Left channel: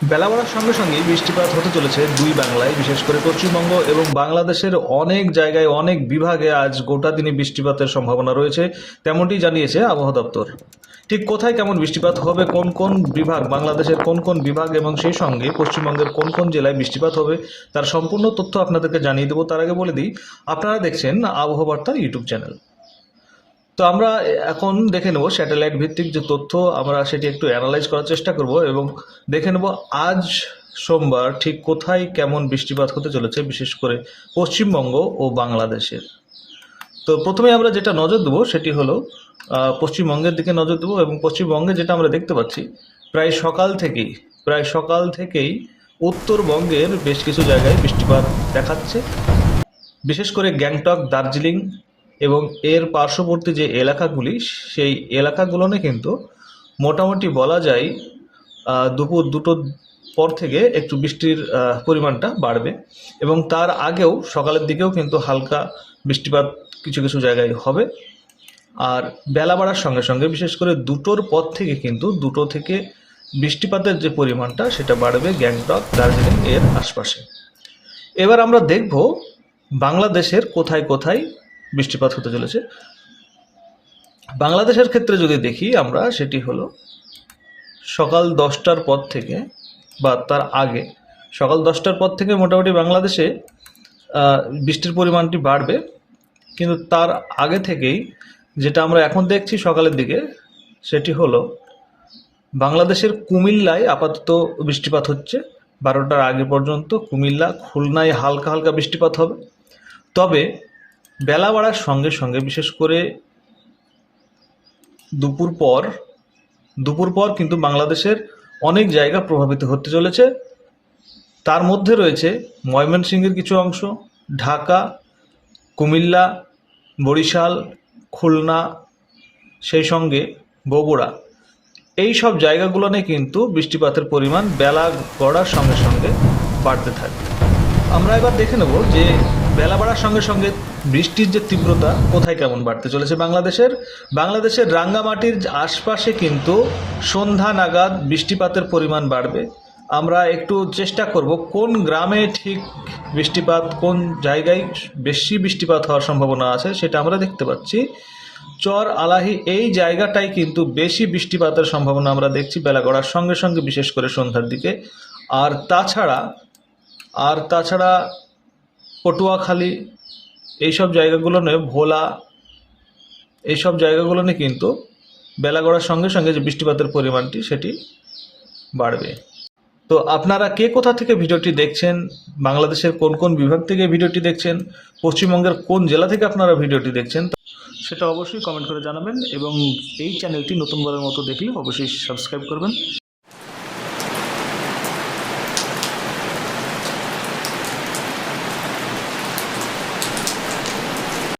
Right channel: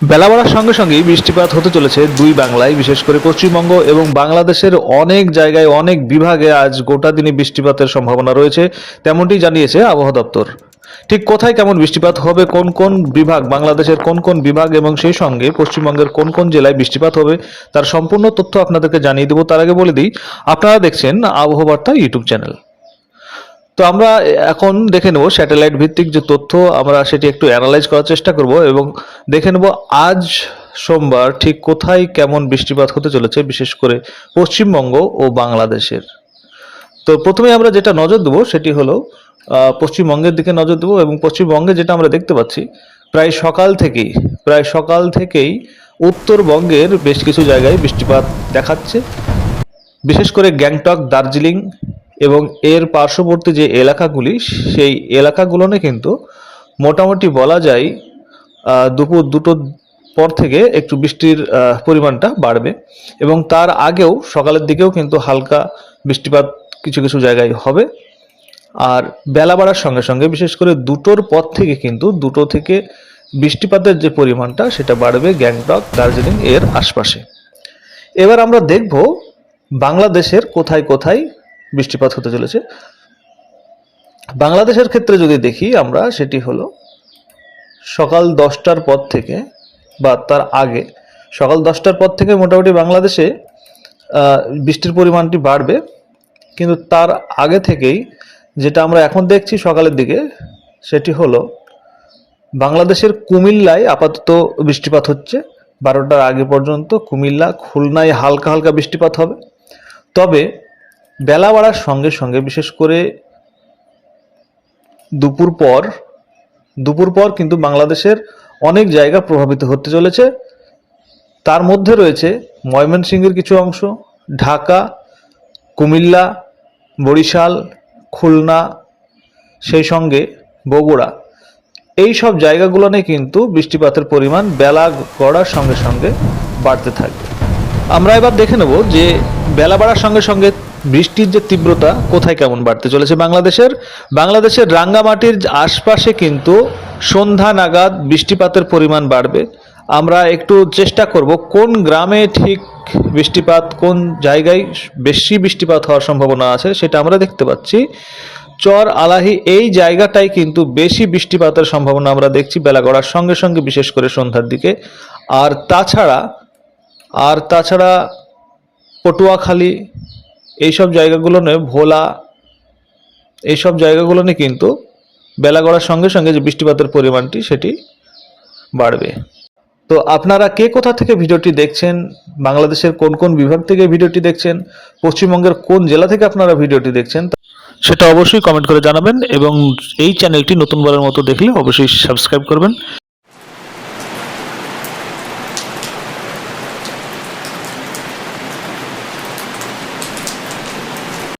বেলা বাড়ার সঙ্গে সঙ্গেই বৃষ্টিপাত হতে চলেছে দুই বাংলায়, বিশেষ করে পশ্চিমবঙ্গ এবং বাংলাদেশের অনেক জায়গায় অনেক বিভাগে আজ গোটা দিনে বৃষ্টিপাতের সম্ভাবনা রয়েছে, তেমনটি জানিয়েছে আবহাওয়া দপ্তর। ঠিক কোথায় কেমন বৃষ্টিপাত হবে, কোন কোন বিভাগ, বাংলাদেশের কোন কোন বিভাগ এবং সেই সঙ্গে পশ্চিমবঙ্গের কোন কোন জেলায় বৃষ্টিপাত হবে, তার সম্পূর্ণ তথ্য আপনাদেরকে জানিয়ে দেবো। তার আগে বলে দিই, আপনারা দেখছেন আবহাওয়া বার্তা ইউটিউব চ্যানেল। তো আমরা এখন দেখে নেব স্যাটেলাইট ভিত্তিক যে তথ্য, আমরা সেটি একটু অ্যানালাইজ করার চেষ্টা করব এবং দেখে নেব আজ সোমবার ঠিক কোথায় কেমন বৃষ্টিপাত হতে চলেছে, বিশেষ করে পশ্চিমবঙ্গ ও বাংলাদেশের। তো প্রথমে আমরা যেটা নজর দেবো সেটি হলো পশ্চিমবঙ্গের দিকে নজর দেবো। এবং পশ্চিমবঙ্গে যেটা আমরা দেখতে পাচ্ছি, প্রায় সকাল থেকেই উত্তরবঙ্গের বেশ কিছু জায়গায় বৃষ্টিপাত দেখাচ্ছে, বিশেষ করে গ্যাংটক, দার্জিলিং এবং এর পার্শ্ববর্তী যে এলাকাগুলি, সেই এলাকাগুলোনে কিন্তু মোটামুটি বলা যায় দুপুর দুটোর পর থেকে একটু বৃষ্টির পরিমাণটা বাড়বে এবং তার আগেও সকালের দিকেও কিন্তু হালকা বৃষ্টিপাত কিছু কিছু জায়গায় হবে। আর বেলা বাড়ার সঙ্গে সঙ্গে বিশেষ করে দুটোর পর থেকে কিন্তু দুটো থেকে বৃষ্টিপাতের যে পরিমাণটা সেটা বাড়বে গ্যাংটক, দার্জিলিং এর আশপাশে। এবার আমরা দেখব বাংলাদেশের কোথায় কোথায় বৃষ্টিপাত হতে চলেছে। বাংলাদেশের ক্ষেত্রে যদি দেখি আমরা, সেটি হলো সকাল 10টার পর থেকে বা তার আগে, সকাল 10টার পর থেকে মোটামুটি বাংলাদেশে বৃষ্টির পরিমাণটি বাড়বে। কিন্তু তার আগে থেকেই যেটা আমরা এখন দেখছি সকালের দিকে, সেটি হলো বাংলাদেশের কুমিল্লায় আপাতত বৃষ্টিপাত হচ্ছে। 12টার আগে পর্যন্ত কুমিল্লা, খুলনায় হালকা হালকা বৃষ্টিপাত হবে। তবে বেলা বাড়ার সঙ্গে সঙ্গে বিশেষ করে দুপুর পর কিন্তু বাংলাদেশের অনেক জায়গা প্রভাবিত হতে চলেছে। তার মধ্যে রয়েছে ময়মনসিংহের কিছু অংশ, ঢাকা, কুমিল্লা, বরিশাল, খুলনা, সেই সঙ্গে বগুড়া। এই সব জায়গাগুলো নিয়ে কিন্তু বৃষ্টিপাতের পরিমাণ বেলা গড়ার সঙ্গে সঙ্গে বাড়তে থাকবে। আমরা এবার দেখে নেব যে বেলা বাড়ার সঙ্গে সঙ্গে বৃষ্টির যে তীব্রতা কোথায় কেমন বাড়তে চলেছে। বাংলাদেশের রাঙ্গামাটির আশপাশে কিন্তু সন্ধ্যা নাগাদ বৃষ্টিপাতের পরিমাণ বাড়বে। আমরা একটু চেষ্টা করব কোন গ্রামে ঠিক বৃষ্টিপাত, কোন জায়গায় বেশি বৃষ্টিপাত হওয়ার সম্ভাবনা আছে সেটা আমরা দেখতে পাচ্ছি। চর আলাহি এই জায়গাটাই কিন্তু বেশি বৃষ্টিপাতের সম্ভাবনা আমরা দেখছি বেলা গড়ার সঙ্গে সঙ্গে, বিশেষ করে সন্ধ্যার দিকে। আর তাছাড়া পটুয়াখালী, এইসব জায়গাগুলো নিয়ে, ভোলা, এইসব জায়গাগুলো নিয়ে কিন্তু বেলা গড়ার সঙ্গে সঙ্গে যে বৃষ্টিপাতের পরিমাণটি সেটি বাড়বে। তো আপনারা কে কোথা থেকে ভিডিওটি দেখছেন, বাংলাদেশের কোন কোন বিভাগ থেকে ভিডিওটি দেখছেন, পশ্চিমবঙ্গের কোন জেলা থেকে আপনারা ভিডিওটি দেখছেন, সেটা অবশ্যই কমেন্ট করে জানাবেন। এবং এই চ্যানেলটি নতুনবারের মতো দেখলে অবশ্যই সাবস্ক্রাইব করবেন।